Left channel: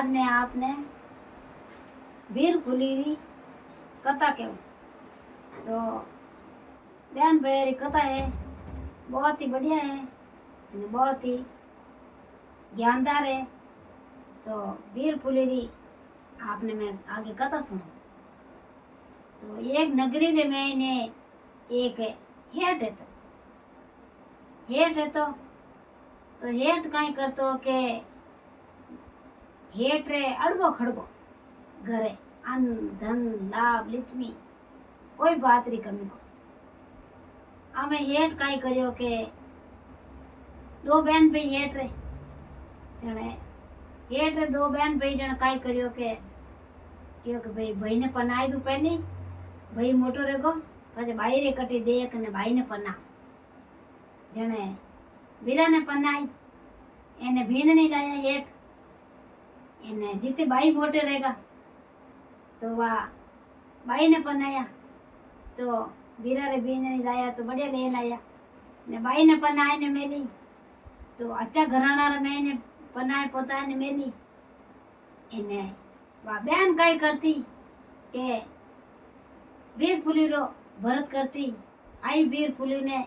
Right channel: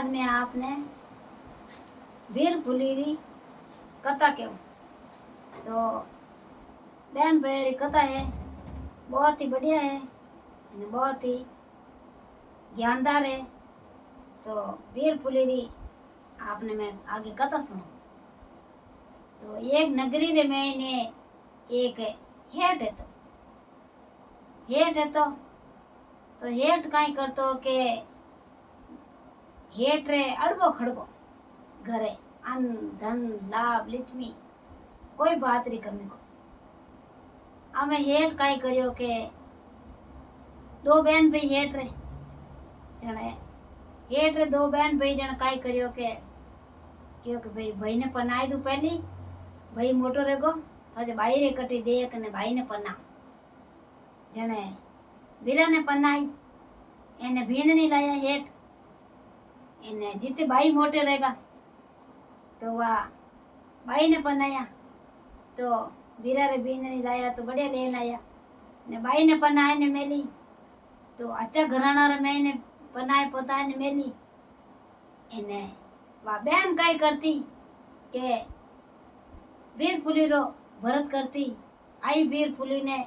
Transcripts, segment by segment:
आज मैं आपने वीर फुलीरी कथा कहूँ तो बहन भाई कथा है, बहुत ही बढ़िया है, बहुत ही ज्ञानदार है। तो वीर फुलीरी आपने मैं आगे कथा सुनो। तो एक नगरी रे में ने एक हेठ है तो हेठ कहीं करतो के हेठ रे अड़बो खड़बो घरे अन्न धन लाभ लिचमी कोई बात री कमी को आमे हेठ काई करियो के दो बहन भाई हेठ रे जने हेठ रे दो बहन भाई जने काई करियो के क्योंकि भाई ने पनाई दू पहली भाई मोटो रेगो પછી બાઈ રે કટી દેખ ને ભાઈ ને પના જણે વીરા ને પનાઈ એને ભીનની લાયા હેઠ એને જીતે બાઈ મોટે રેગા तो वा बाई ने पनाया तो वीरा रे बीन ने लाया तो बढ़िया ले लाया ने बाई ने पनाए ने मेली तो अच्छा घराना रे मैंने पनाए पोता ने मेली एने वा बहन काई करती के वीर फुली रो भरत करती आई वीर फुली ने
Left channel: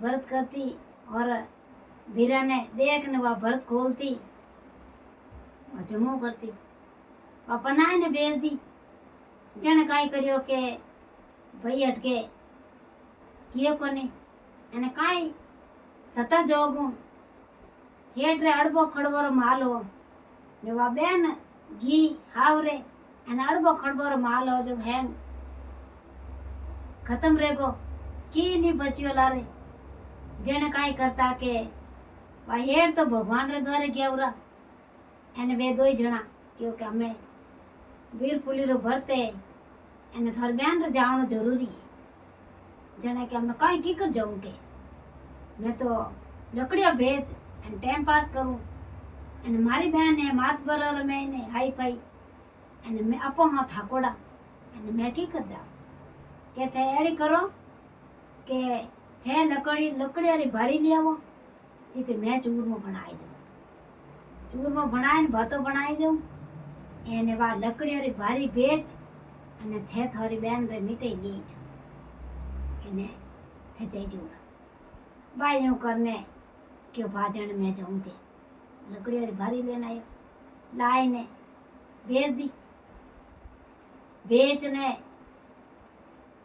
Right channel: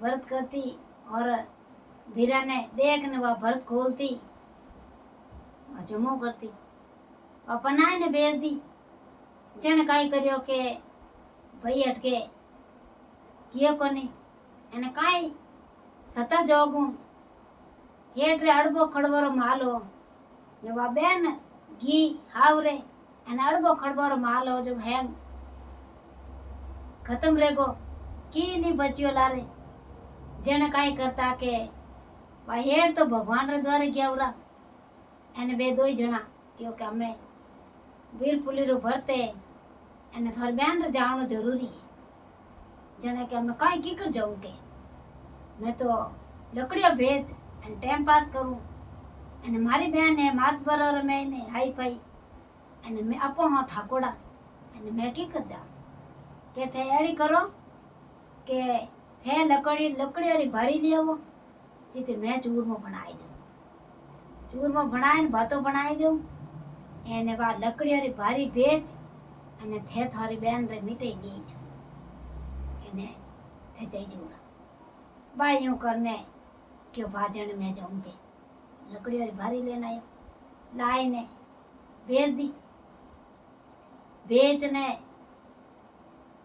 भरत करती और वीरा ने देख ने वा भरत खोलती जमो करती वा पनाए ने भेज दी जन काई करियो के भाई अटके किए कोनी एने काई सतर जोगू हेठ रे अड़बो खड़बोरो मालो ने वा बेन घी हावरे एने अड़बो खड़बोरो मालो जो है खत्म रेगो की नी बचियो लारे जन काई करता के वा हेठ तो भगवान रे द्वारे गया उरा एने बे दो जणा क्योंकि हमें वीर फुली रो भरते एने थार बहन रे जानो जरूरी है जने के हमें काई की कर जाऊं के मैं तो लकड़िया भेज एने टाइम पास करूं एने मारी बहन है मात बराबर मैंने हाई पाई एने मैं अपो हां थाकोड़ा एने मैं की कर जा के थे एड़ी करो के थे लकड़िया री भारी ले आवो जीते मैं चूरमो बनाई दूं चूरमो बनाए ने भातो बनाई दूं एने वा लकड़िया री भारी भेज અને થે થારી બેન રે મીઠાઈ લી જો એને थे जाई जोड़ा बाई यूं करने क्यों भाजन में जाऊंगे लकड़ी वाली भारी लेना आया लाई ने भेज दी बेचने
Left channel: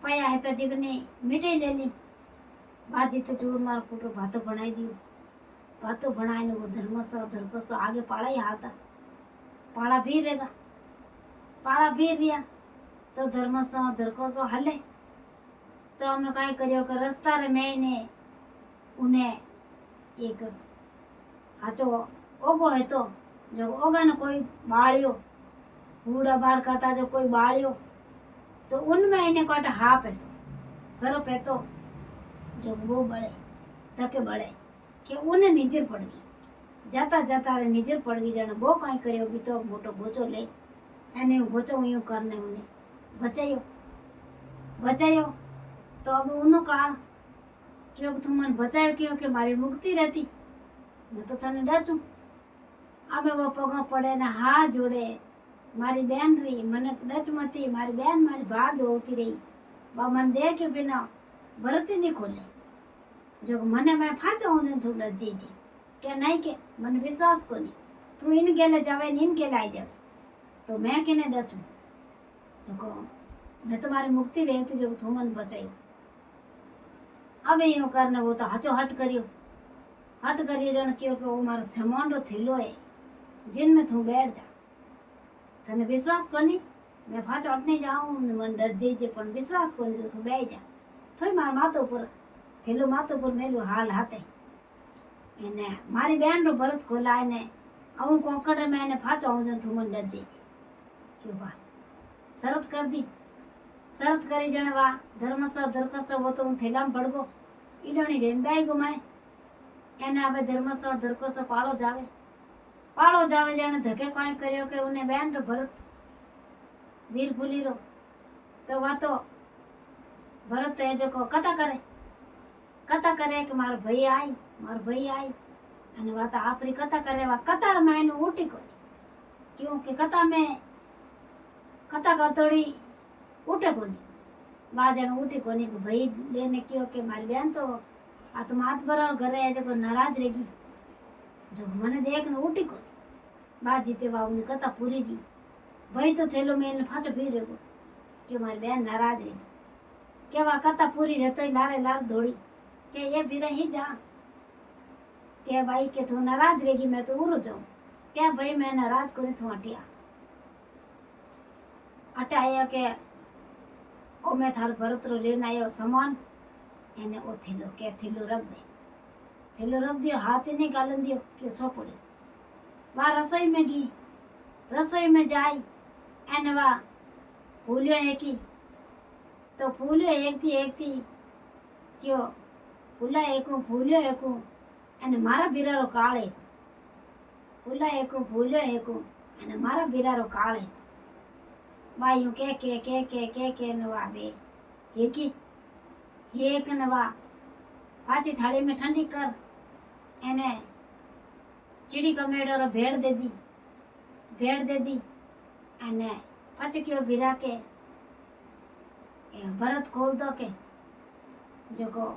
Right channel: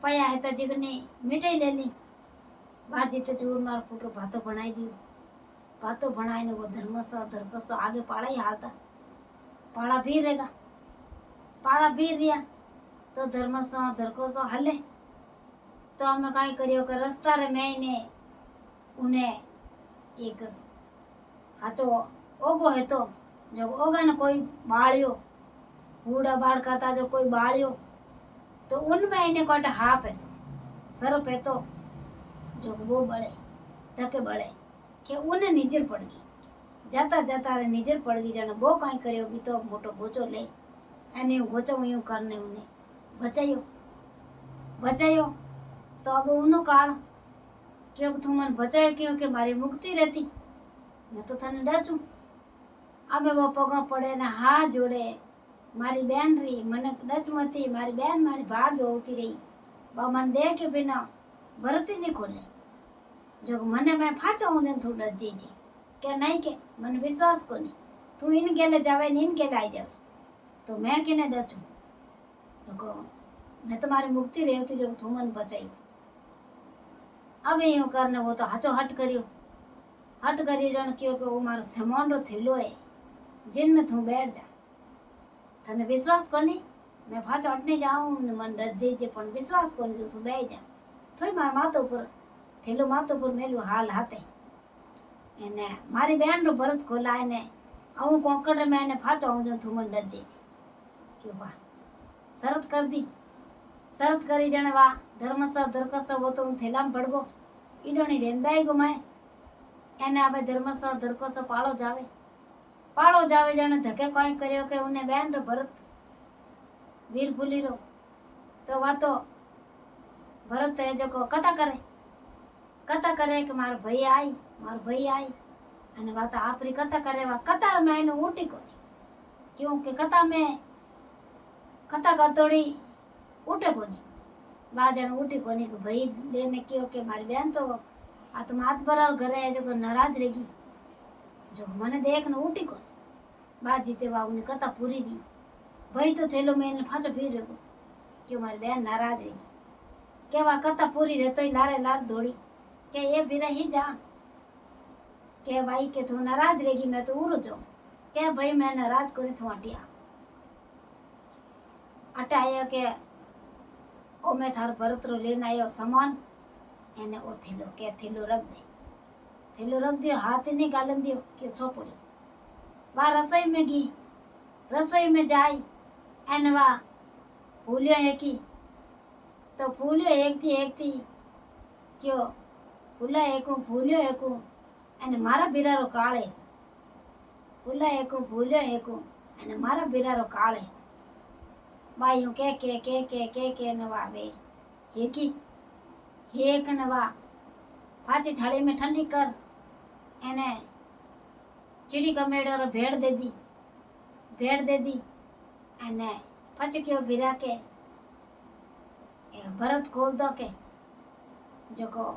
पाया है तो जिगनी मिठाई ले ली बाजी तो चूर मार पुटो भातो बनाई दी भातो बनाए ने वो धर्मसा आगे पाड़ा ही हाथा पाड़ा भी रहेगा पाड़ा भी रिया तो धर्मसो धरकोसो हले तो हमें काई करियो के रस्ता रे मैंने उन्हें एक हाचो ओगो है तो जो ओगा ने कोई बाड़ियो बूढ़ा बाड़ करता जो कोई बाड़ियो तो उनमें इन्हें कोई हाप है तो सरप है तो जो वो बड़े धके बड़े के उन्हें निजर पड़ गई जाता जाता रे निजर पड़ गई जाने वो काई करियोगी तो मोटो गोचो ले एने गोचो यूं करने उन्हें बचायो तो अब उनो काल क्योंकि तुम मन बचायो क्योंकि मारी मुक्ति रहती मैं तो थाने डाचू अब वो पगों पड़े ने हाथ जोड़े मारी बहन रही मन डच मती मारी बहन मारी बाहर जो होती रही बा मन दे के बिना भरती नहीं खोले जो मने मैं फाचा हूं तू डच जी क्या नहीं के मन विश्वास को नहीं तू इन गेले जावे इन गेले आई जावे तो मैं किने डचू जो मैं तुम्हारी मुक्ति रहती जो तू मन बचाई अब यूं करने वो तो हाचो हट करियो जन क्यों कि वो मारो सामान रो थैलो है जिन में तू बैठ जा तने विश्वास कोनी मैं फाचो हटने जाऊं मन डर जे पण विश्वास कोनी जो तू बैठ जा थोई मार मातो पर थैलो मातो पर मेलो हाल हाथे एने मारी बहन रो भरत खोलाए ने आऊ कोकड़ रे मैंने फाचो हूं जो तू मन डर जे क्यों बा शरत कर दी शरत करी जने वा धर्मसा धरकसा वो तो थैला में पड़गो ईडोनी रेन बाई गुमाए एने आवे धर्मसा धरकसा पाड़ो जावे जाने धके कोई करियो के उन्हें बहन रो भरत वीर फुली रो तो वा तो भरत है जो को कथा करे कि मारो भाई आई अने वा तो आपरी कथा करे वा कतार में आईने उठी कोनी क्यों के कथा में कथा करतोड़ी उठे कोनी बाजन उठी कोनी के भाई लेने क्यों के मारी बहन तो आ तुम हाथ पर घरे जो नाराज रहेगी जो मने देख न उठी कोनी बात जीते बाबू कथा पूरी रही भाई तो थेलो में फाचो पी रहो क्यों मारी बहन नाराज रहेगी केवा कथा पूरी रहतो लारे लार दौड़ी के ये भी रही जा के भाई के तू नाराज रहेगी मैं तो उड़ जाऊं क्या भाई मैं नाराज करी तू हटिया हटाया के ओ मैं थार भरतरो लेने आयो सामान एने ओ थेलो के थेलो रख दे थेलो रख दियो हाथ ही नहीं गालन दियो के सो पड़ी वहाँ रसोई में गई रसोई में जाई एने वहाँ भूलियो है कि तो भूलियो एक थी क्यों भूलियो एक एने मारा बिरारो काळे भूला एक एने मारा बिरारो काळे बायू के नवा बे एक नवा पाची थाली में ठंडी कर एने चिड़ी कमेड़ो रो भेड़ दे दी एने पाची क्यों बिरा के भरत खोल दो के जको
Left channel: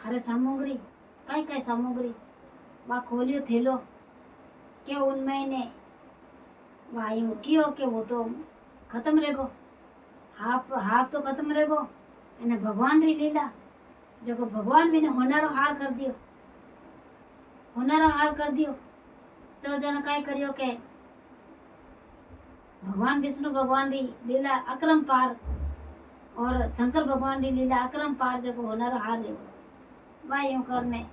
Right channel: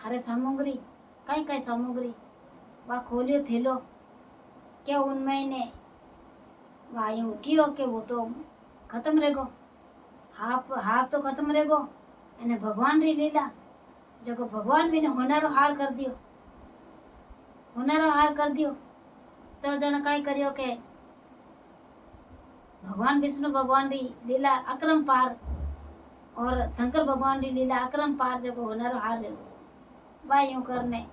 थारे सामग्री कई सामग्री वा खोलियो थेलो क्या उनमें ने वायु कियो के वो तो खत्म रहेगो हाफ तो खत्म रहेगो एने भगवान री लीला जो को भगवान भी ने होनारो हार कर दियो तो जन काई करियो के भगवान विष्णु भगवान री लीला अक्रम पार और शंकर भगवान री लीला अक्रम पार जो को होनारो हार रहेगो भाई यूं करने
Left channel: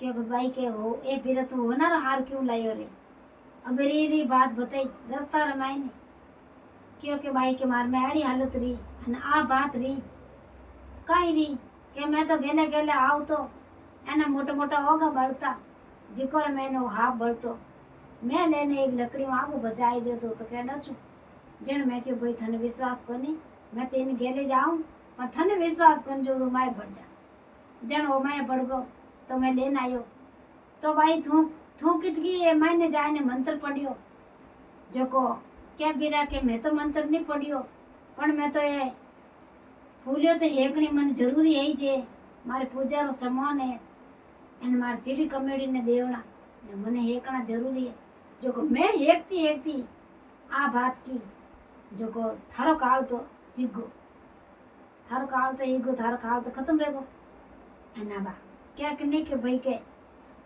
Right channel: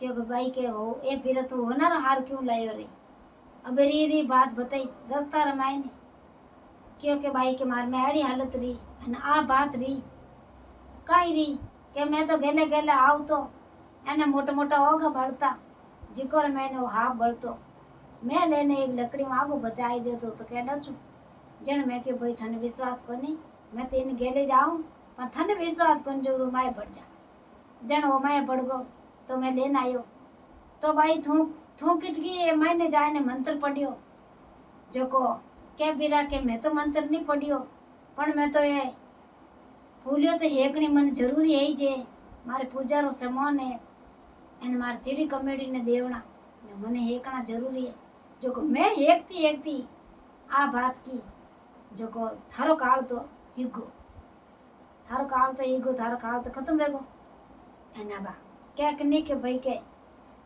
क्योंकि भाई के हो ए फिर तू होनारो हार क्यों लायो रे अब री बात बताई रस्ता रमाई ने क्योंकि भाई के मार में आड़ी हालत रही अने आ बात रही कई रही के मैं तो गेले गेले आव तो एने मोटा मोटा होगा बढ़ता जिको रे मैंने हाफ बढ़तो मैं लेने एक लकड़ी में आगो बचाई दे तो कह डचू जन मैं के भाई थने विश्वास कोनी मैं तेन गेले जाऊं पर थने विश्वास कोनी जो मैं बढ़ जा जन वो मैं बढ़ गो तो मैं लेन आयो तो भाई थू किटकी ये मैंने जाने मंत्र पढ़ियो जो को के बिरा के मैं तो मंत्र नहीं पढ़ियो पण मैं तो ये भूलियो तो हेकनी मन जरूरी है जे मारे पूजा रो सामान है एने मार चिड़ी कमेड़ी ने देवना मने हेकना जरूरी है जो को मैं हेकती आ बात की जो को थारो काल तो हिगो थारो काल तो खत्म रहेगो एना बा क्या नहीं के भाई के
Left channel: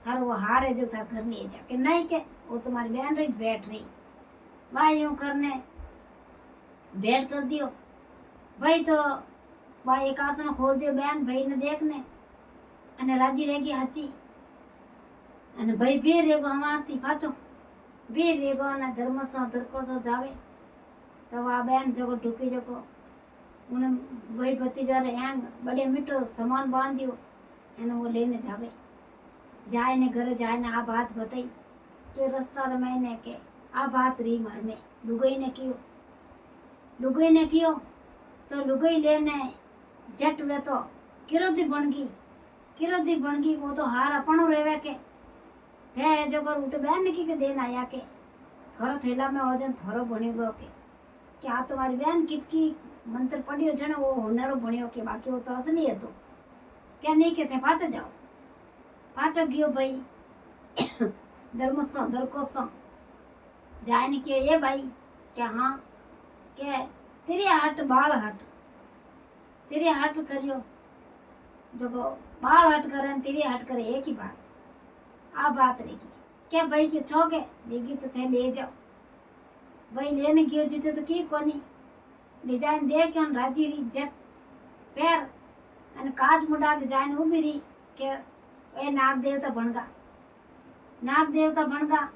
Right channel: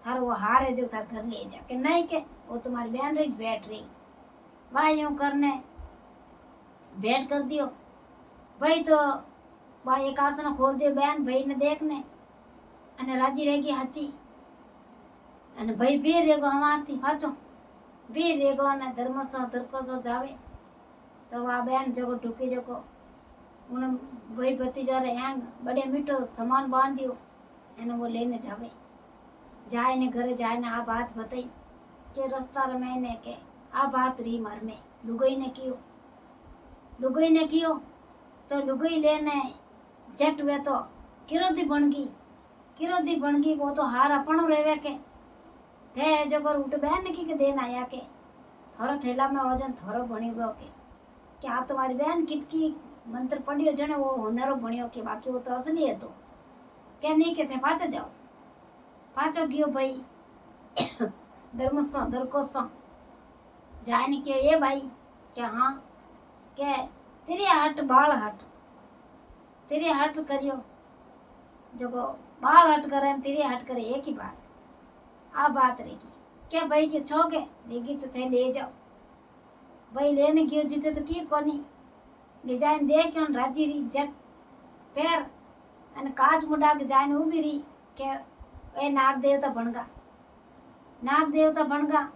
थारो वो हार है जो थार घर ले जा के नहीं के वो तुम्हारी बहन रही बैठ रही वहाँ यूं करने बैठ कर दियो भाई तो वहाँ एक आसन खोल दियो बहन भाई ने देखने अने राजी रहेगी हची अने भाई बीर रेगो हमारती फाचो बीर रेगो अने धर्मसो धरकोसो जावे तो वहाँ बहन जो ढुकी जो को उन भाई भतीजा रे हैंग बड़े मीठो सामान बांध दियो एने वो लेने जावे जाए ने घरे जाए ने आ बात बताई के रास्ता रे मैंने के आ बात रही मार में लुगाई ने कियो तो लुगाई लेने जट वे तो किरोदी बन गई वो तो हार अपनो रेवे के थे जबर उठ बहन की के देन आया के थोड़ा थैला में वजन थोड़ा बनी गयो के क्या तुम्हारी बहन किटकी मंत्र पढ़ियो जने वो होनारो बनियो के बाकी वो तो असली है तो क्या नहीं के थे पाचो गयो भाई धरकोसम जाए ने कियो ये भाई क्या हाँ के तेरी हट करियो जो को बाल हट करे तेरी हट करे एक ही बात आ बात रहेगी क्या भाई के छोके लेगी तो थे ले जाओ भाई लेने गयो जीते तो की कोनी ले जाए दे क्यों राजी री जट पैर अने काज मुंडा के जाए उभी रही के ए नाग देवता बनगा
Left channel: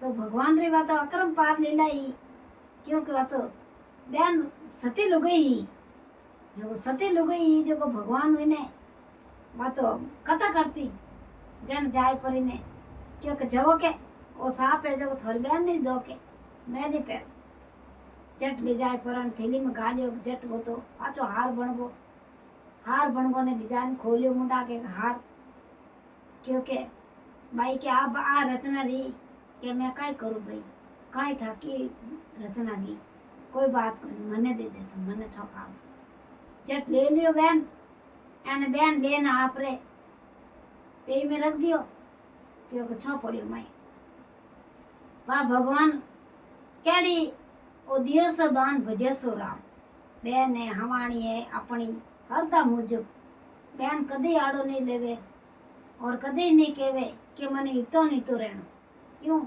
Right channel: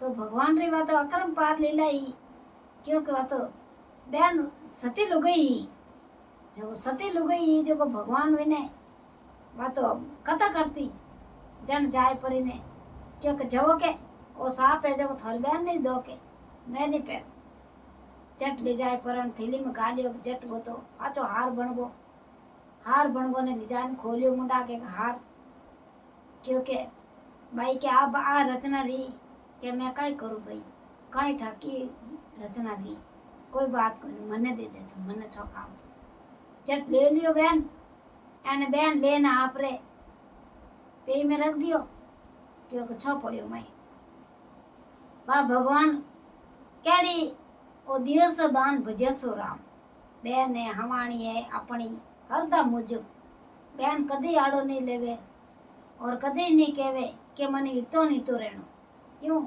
तो भगवान री बात अक्रम पार ले लाई क्योंकि वह तो बहन सती लुगई ही जो भगवान विने वह तो कथा करती जन जाए परी ने क्योंकि जवो के वो साप है जब थोड़ी बहन नहीं दो के मैं नहीं पैर जट ले जाए पर थैली में गालियो जट वो तो पाचो हार बनगो ने ले जाने खोलियो मुंडा के हार क्योंकि भाई के आ रचना रही के मैं काई करूं भाई કાંઈ ઠાકી રચના રી કોઈ બાત કોઈ મને દે દે તું મને છો ખાવ જટ ले लियो બેન એને બેન લેને આપરે पे में रख दियो तो छो पड़ियो मैं वाह भगवान केड़ी ओ दियो सो दान भजे सो राम बेन है हमारी है अपनी हरदा मुजब बेन कदी आड़ो नहीं लेवे और कदी नहीं कहवे कि मने इतो नहीं तो रहनो क्यों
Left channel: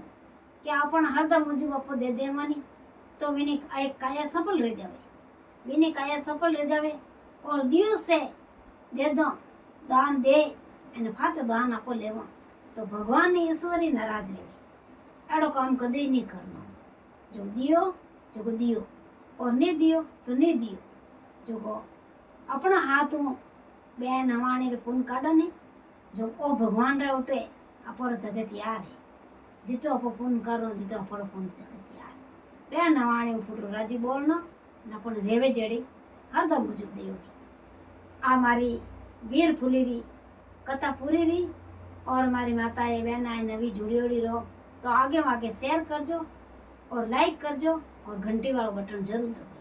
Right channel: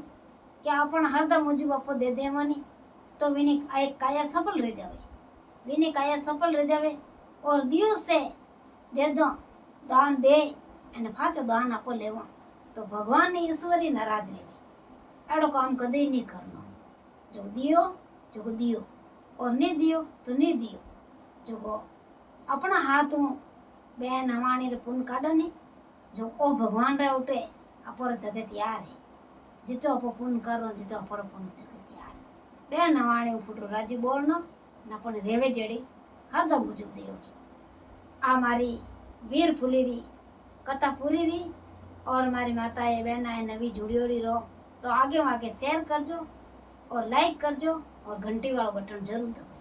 कि अपन हरदा मुजब आपो दे देवानी तो विनी एक काया सफल रह जावे विनी काया सफल रह जावे और दियो से दे दो दान दे અને પાછો દાન આપો લેવા તો ભગવાનની ઈશ્વરી નારાજ રહે એડો કામ કદી નહીં કરનો જો દિયો और नहीं दियो तो नहीं दियो जो अपना हाथों बेन हमारी रे पुण्य काढ़ो नहीं जो ओ भगवान रे उठे अपर तके तैयार है जितो आप पुण्य करो जितो अपर पुण्य तके तैयार बेन हमारे फुटो राजी बोलना न अपन रेवे जड़ी हरदम मुजुब दियो आ मारी वीर फुलीरी कथा पूरी रही और हमारी माताएं बहन आए नवी जुड़ी रहो तो आगे शेयर करजो और लाइक करजो और घंटी वाला बटन जरूर दबाओ।